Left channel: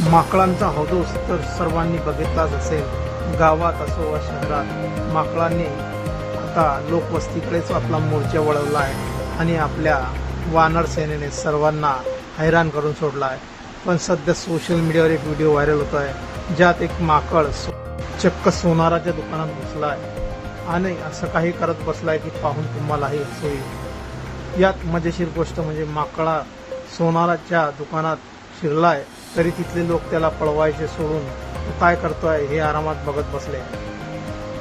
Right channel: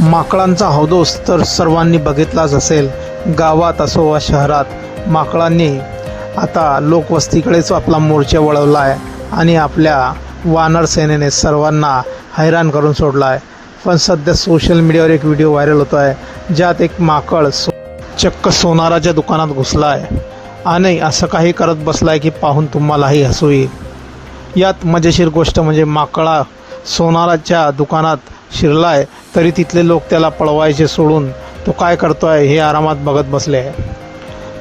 माकडांचा हौदोस तर सर्वांनी बघितलाच असेल. गावात असो वा शहरात माकडांनी आता लोकवस्तीकडेच आपला मोर्चा वळवला आहे आणि आपल्या वानर सेनेने सर्वांना हैराण करून सोडला आहे. पण सध्या सोशल मीडियावर एक व्हिडिओ व्हायरल होतो आहे ज्यात एक माकड चक्क सोनाराच्या दुकानात घुसला आहे आणि असं काही करत बसला आहे की पाहून तुम्हालाही हसू येईल. यात मजेशीर गोष्ट म्हणजे माकडा सोनाराच्या दुकानात शिरला आहे तरी तिथले लोक त्याला पळवायचे सोडून तो काय करतो आहे हे आरामात बघत बसले आहे.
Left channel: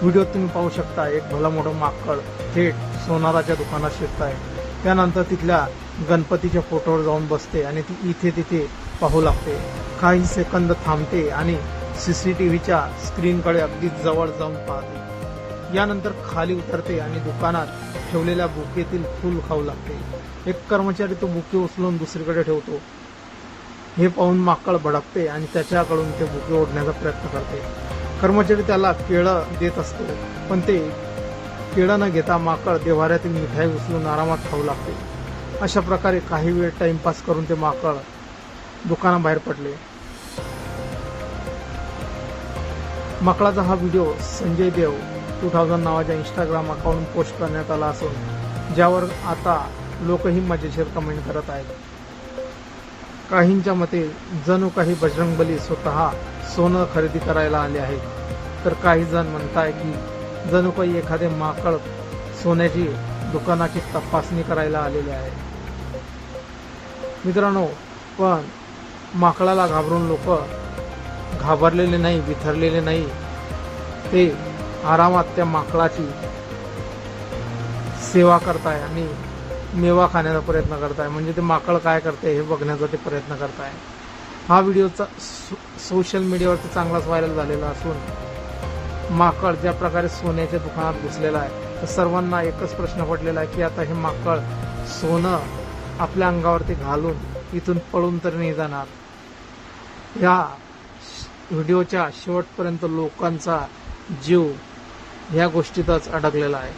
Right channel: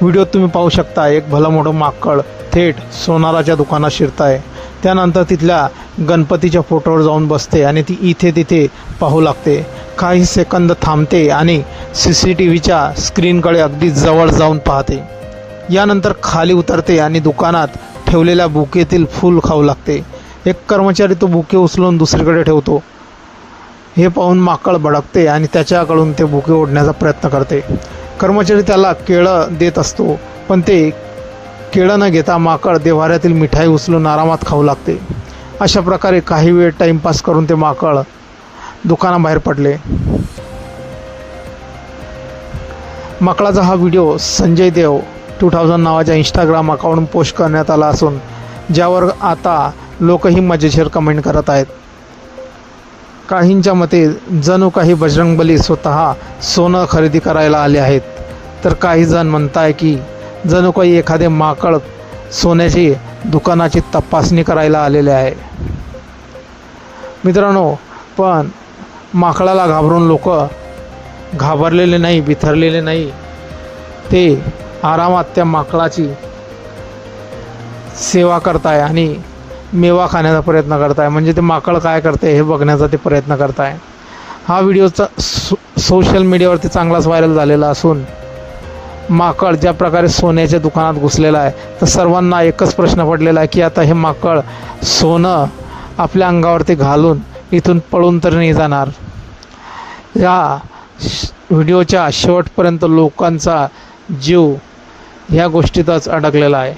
व्हिडिओत तुम्ही पाहू शकता एक भलं मोठं माकड थेट सोनाराच्या दुकानात शिरत आहे. त्यानंतर तिथल्या गणपतीच्या फोटोवर जाऊन बसते आणि ती इथे तिथे पाहू लागते. काही सेकंद थांबते आणि CCTVच्या स्क्रीनकडे अगदी जवळ जाऊन पाहते. यानंतर खाली उतरते आणि दुकानात ठेवलेल्या बुकेतील फूल खाऊ लागते. एक कर्मचारी तो बुके उचलून दुसरीकडे ठेवतो. हे पाहून माकड भडकते आणि त्याच्याकडून ते बुके ओढण्याचा प्रयत्न करते. कर्मचारी त्याला केळं देत असतो पण ते केळं न घेता माकड देव्हाऱ्यातील मिठाई उचलून आरामात खाऊ लागते. अशा प्रकारे काही वेळ टाईमपास करून ते माकड दुकानाबाहेर पडले. माकडाचा हा व्हिडिओ संजय देव 2000 नावाच्या इंस्टाग्राम अकाउंटवरून पोस्ट करण्यात आला असून ज्यावर आता लोकही मजेशीर कमेंट करत आहेत. काहींच्या मते जणू काही बजरंगबली स्वतः सोनं खरेदी करायला आले आहेत तर काही जण म्हणताय की जणू काही एखादे माकड सोन्याची दुकानाची तपासणी करायला आलेले आहे. मित्रांनो, पण माकडाला घाबरून लोक घाबरलेले नाही, बिथरलेले नाही. ते आरामात त्या माकडाची सेवा करताय आणि मेवा खाण्याचा प्रयत्न करताय. म्हणजे ते माकड काय करते हे बघण्याचा ते प्रयत्न करताय. हा व्हिडिओचा सोशल मीडियावरती चांगलाच व्हायरल झालेला असून माकड ज्या प्रकारे सोन्याच्या दुकानात घुसलेला आहे तर सर्वांना एकच प्रश्न पडलेला आहे की आता हे माकड सोनं आपल्या अंगावरती घालून इथून पळून तर नाही जाणार. या व्हिडिओच्या शेवटपर्यंत लोकांचा जीव ह्या गोष्टीतच अडकलेला आहे.